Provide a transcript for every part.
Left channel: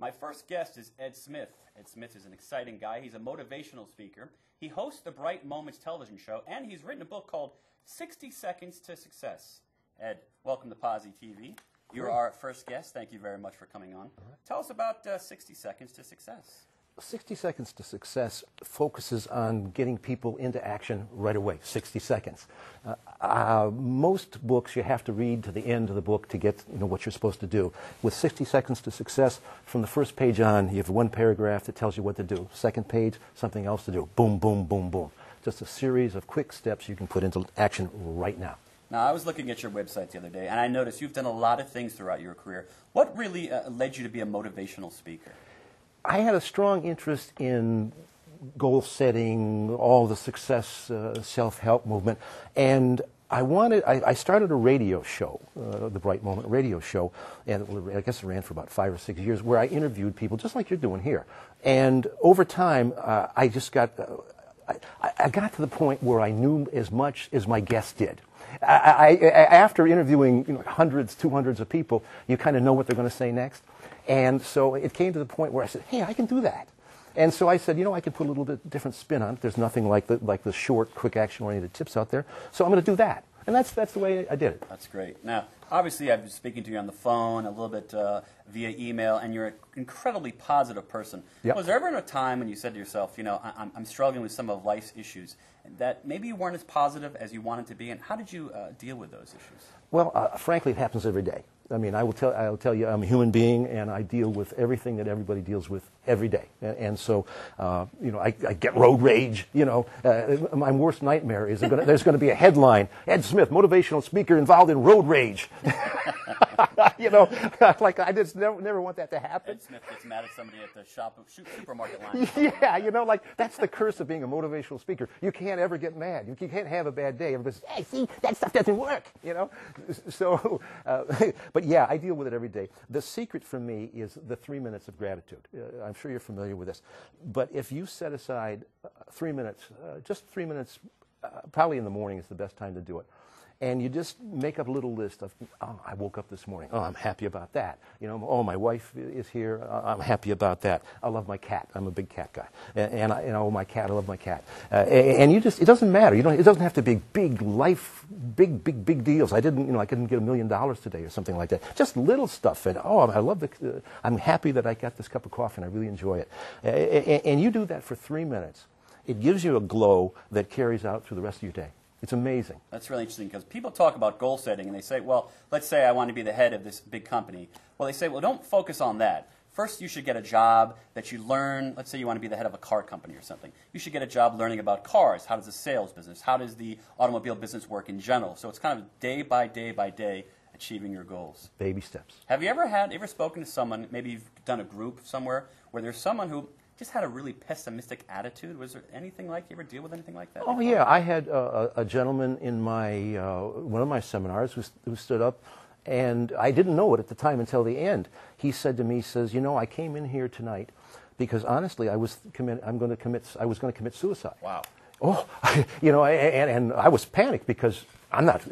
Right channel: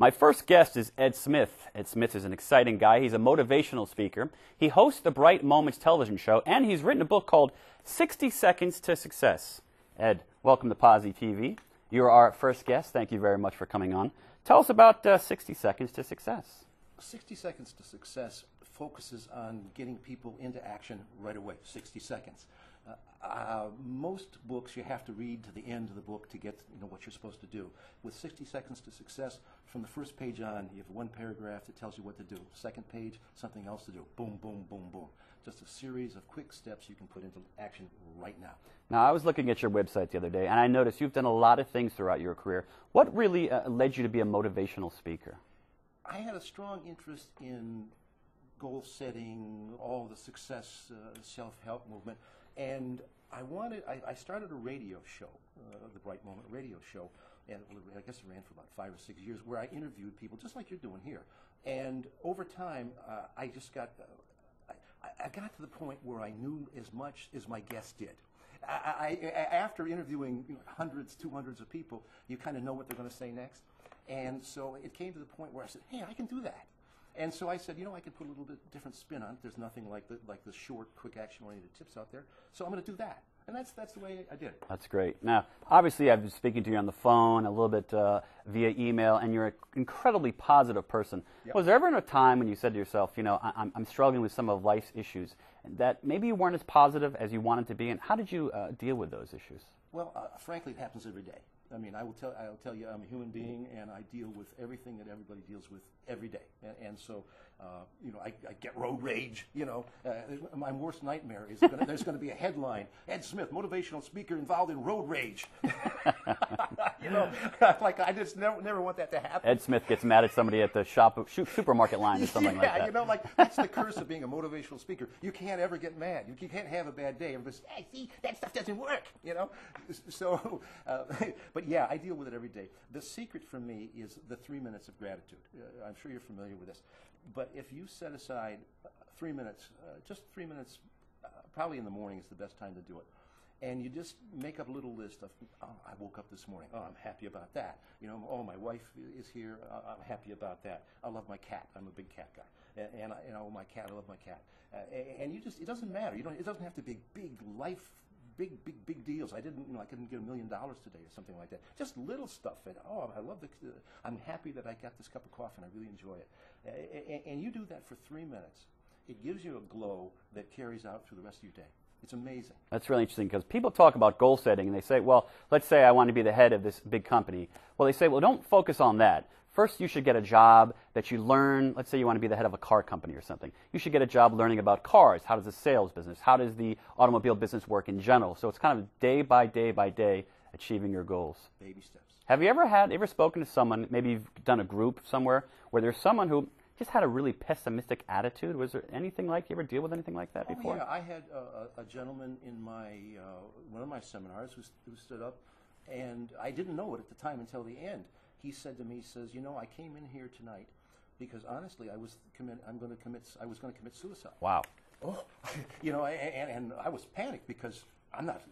My first guest is Ed Smith. Ed Smith is an exciting guy. He's a motivational speaker. He hosts the Bright Moments television show, and he's written a book called 60 Seconds to Success. Ed, welcome to PosiTV. You're our first guest. Thank you very much for coming on. Tell us about 60 Seconds to Success. 60 Seconds to Success focuses on getting people into action right away, 60 seconds. Most books you have to read to the end of the book to get what you're supposed to do. With 60 Seconds to Success, from the first page on, you have one paragraph that tells you what to do. Second page, something else to do. Boom, boom, boom, boom. Just a series of quick steps you can put into action right now. Now, I was looking at your website the other day, and I noticed you've done a lot of things throughout your career. What really led you to be a motivational speaker? I had a strong interest in goal setting, all the success, self-help movement, and I started a radio show, the Bright Moment radio show, and I guess it ran for about 5 or 6 years, where I interviewed people just like you're doing here. And over time, I got to the point where I knew as much as my guests did. After interviewing hundreds, 200s of people, you kind of know what they're going to say next. And so it came to the point where I said, hey, I can do that. And so I said, I can put a little bit different spin on it. There's nothing like the short, quick, action-oriented tips out there. So I'm going to do that. And that's the way I did it. That's great. Now, obviously, I've been speaking to you on the phone, a little bit via email, and you're an incredibly positive person. Yep. Was there ever a time when you said to yourself, I'm struggling with some of life's issues, that maybe you weren't as positive as you wanted to be, and how did you deal with those issues? Well, frankly, it happens every day. I mean, I'll tell you, I'm a human being, and I deal with everything that everybody deals with every day. And so, I get road rage. My worst nightmare is there's going to be a headline: Ed Smith, motivational speaker involved in road rage. Like I just never want that to happen. Ed Smith gets mad at somebody at the supermarket line or something like that. Yeah, that's the curse of being a motivational speaker. You can't ever get mad. You can't have a bad day. Everybody says, hey, see, that stuff doesn't work, So, but yeah, I deal with it every day. The secret for me is the 3 minutes of gratitude. I'm sure you're familiar with this. But if you set aside 3 minutes, just 3 minutes, probably in the morning is the best time to do it. And you just make up a little list of, I woke up this morning. Oh, I'm happy about that. My wife is here. I'm happy about that. I love my cat. I'm a big cat guy. And my cat, I love my cat. And it doesn't matter. It doesn't have to be big big deals. I couldn't get $1 million today or something like that. Just little stuff. And I love I'm happy that I got this cup of coffee and I really enjoy it. And you do that for 3 minutes. It gives you a glow that carries out through the rest of your day. It's amazing. That's really interesting because people talk about goal setting and they say, well, let's say I want to be the head of this big company. Well, they say, well, don't focus on that. First, you should get a job that you learn. Let's say you want to be the head of a car company or something. You should get a job learning about cars. How does the sales business, how does the automobile business work in general? So it's kind of day by day by day achieving your goals. Baby steps. Have you ever spoken to someone, maybe you've done a group somewhere, where there's someone who just had a really pessimistic attitude? Was there anything like, you ever deal with anything like that before? Yeah, I had a gentleman in one of my seminars who stood up, and I didn't know it at the time until the end. He said to me, I came in here tonight because honestly I was going to commit suicide. Wow. Oh, and I was panicked because I'm not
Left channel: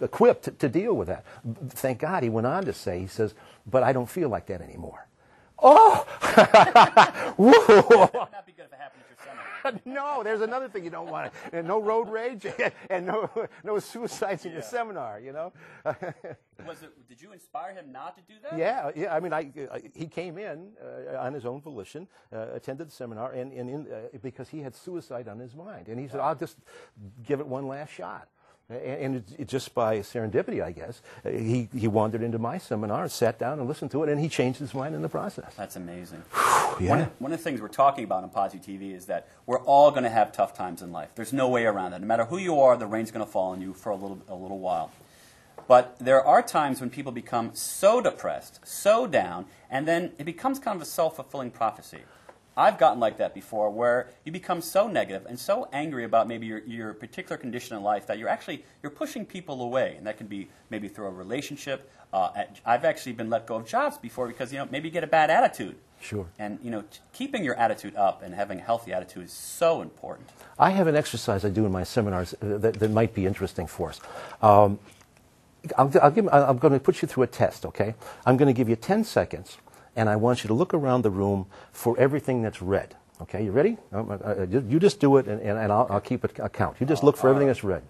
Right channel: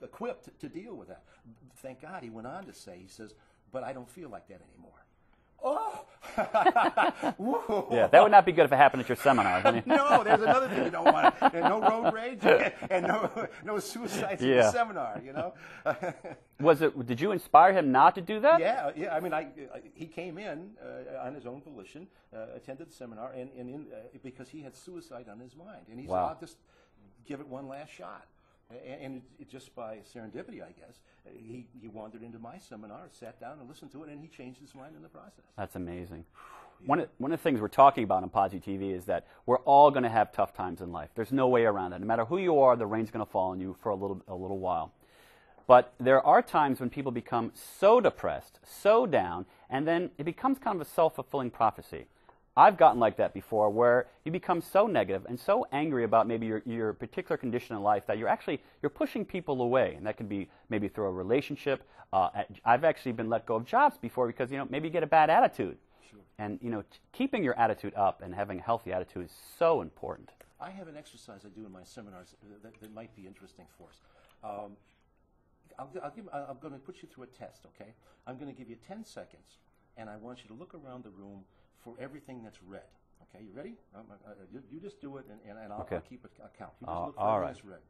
equipped to deal with that. Thank God, he went on to say, he says, but I don't feel like that anymore. Oh! Yeah, that would not be good if it happened at your seminar. No, there's another thing you don't want. No road rage and no suicides in the seminar, Did you inspire him not to do that? Yeah. I mean, he came in on his own volition, attended the seminar, and because he had suicide on his mind. And he said, I'll just give it one last shot. And just by serendipity, I guess, he wandered into my seminar, sat down and listened to it, and he changed his mind in the process. That's amazing. Yeah. One of the things we're talking about on PosiTV is that we're all going to have tough times in life. There's no way around it. No matter who you are, the rain's going to fall on you for a little while. But there are times when people become so depressed, so down, and then it becomes kind of a self-fulfilling prophecy. I've gotten like that before, where you become so negative and so angry about maybe your particular condition in life that you're pushing people away, and that could be maybe through a relationship. I've actually been let go of jobs before because maybe you get a bad attitude. Sure. And keeping your attitude up and having a healthy attitude is so important. I have an exercise I do in my seminars that might be interesting for us. I'm going to put you through a test. Okay, I'm going to give you 10 seconds. and I want you to look around the room for everything that's red. Okay, you ready? You just do it, and I'll keep a count. You just look for everything that's red.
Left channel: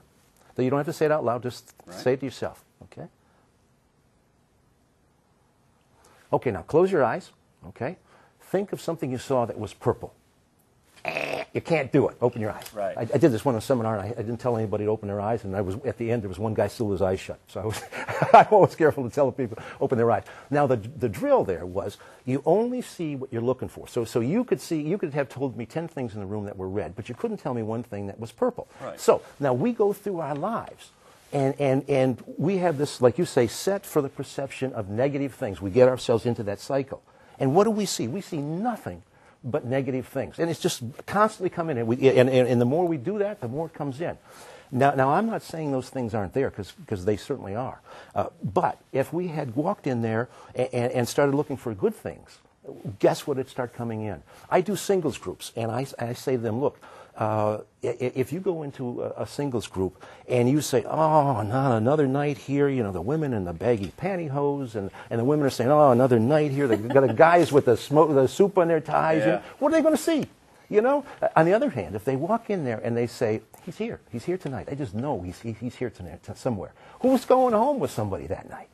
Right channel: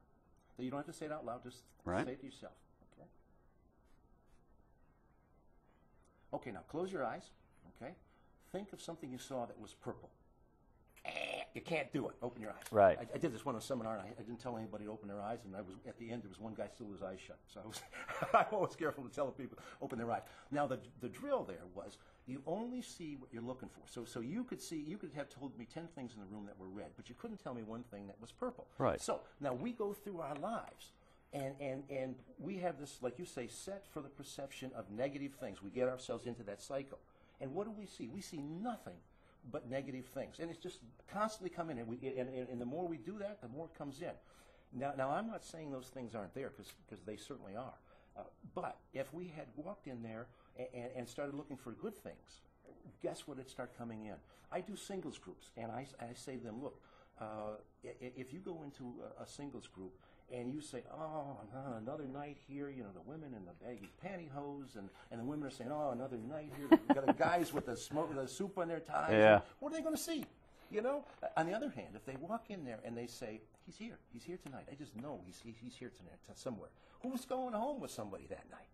So you don't have to say it out loud. Just say it to yourself. Okay? Okay, now close your eyes. Okay? Think of something you saw that was purple. You can't do it. Open your eyes. Right. I did this one in a seminar, and I didn't tell anybody to open their eyes, and at the end, there was one guy still with his eyes shut. So I'm always careful to tell people, open their eyes. Now, the drill there was, you only see what you're looking for. So you could have told me 10 things in the room that were red, but you couldn't tell me one thing that was purple. Right. So now we go through our lives, and we have this, like you say, set for the perception of negative things. We get ourselves into that cycle. And what do we see? We see nothing but negative things. And it's just constantly coming in. And the more we do that, the more it comes in. Now I'm not saying those things aren't there, because they certainly are. But if we had walked in there and started looking for good things, guess what would start coming in? I do singles groups, and I say to them, look, if you go into a singles group and you say, oh, not another night here, you know, the women in the baggy pantyhose, and the women are saying, oh, another night here, they've got the guys with the soup on their ties, you know, what are they going to see? You know? On the other hand, if they walk in there and they say, he's here tonight, I just know he's here tonight, somewhere. Who's going home with somebody that night?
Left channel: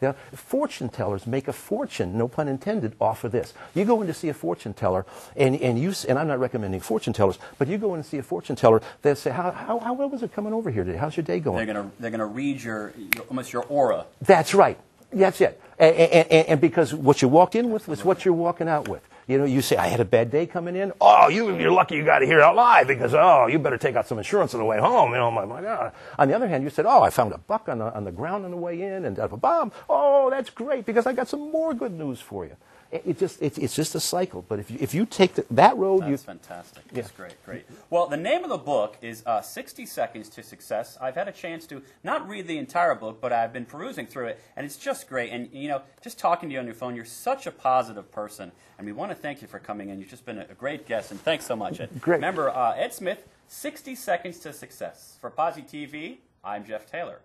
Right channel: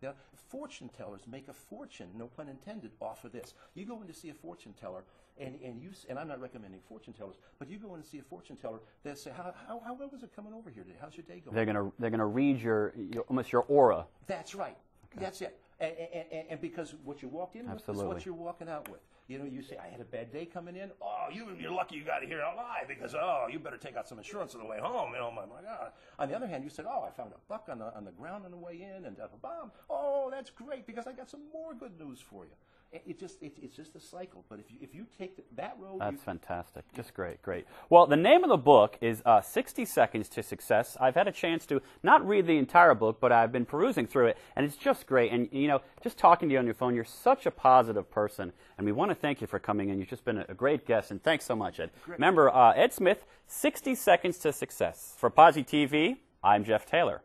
You know, fortune tellers make a fortune, no pun intended, off of this. You go in to see a fortune teller, and I'm not recommending fortune tellers, but you go in and see a fortune teller, they'll say, how well was it coming over here today? How's your day going? They're gonna read almost your aura. That's right. That's it. And because what you walked in with is what you're walking out with. You know, you say, I had a bad day coming in. Oh, you're lucky you got to hear it out live, because, oh, you better take out some insurance on the way home. You know, my God. On the other hand, you said, oh, I found a buck on the ground on the way in, and a bomb. Oh, that's great, because I got some more good news for you. It's just a cycle. But if you take that road, that's fantastic. Yeah. That's great. Well, the name of the book is 60 Seconds to Success. I've had a chance to not read the entire book, but I've been perusing through it, and it's just great. And you know, just talking to you on your phone, you're such a positive person, and we want to thank you for coming in. You've just been a great guest, and thanks so much, Ed. Great. Remember, Ed Smith, 60 Seconds to Success. For PosiTV, I'm Jeff Taylor.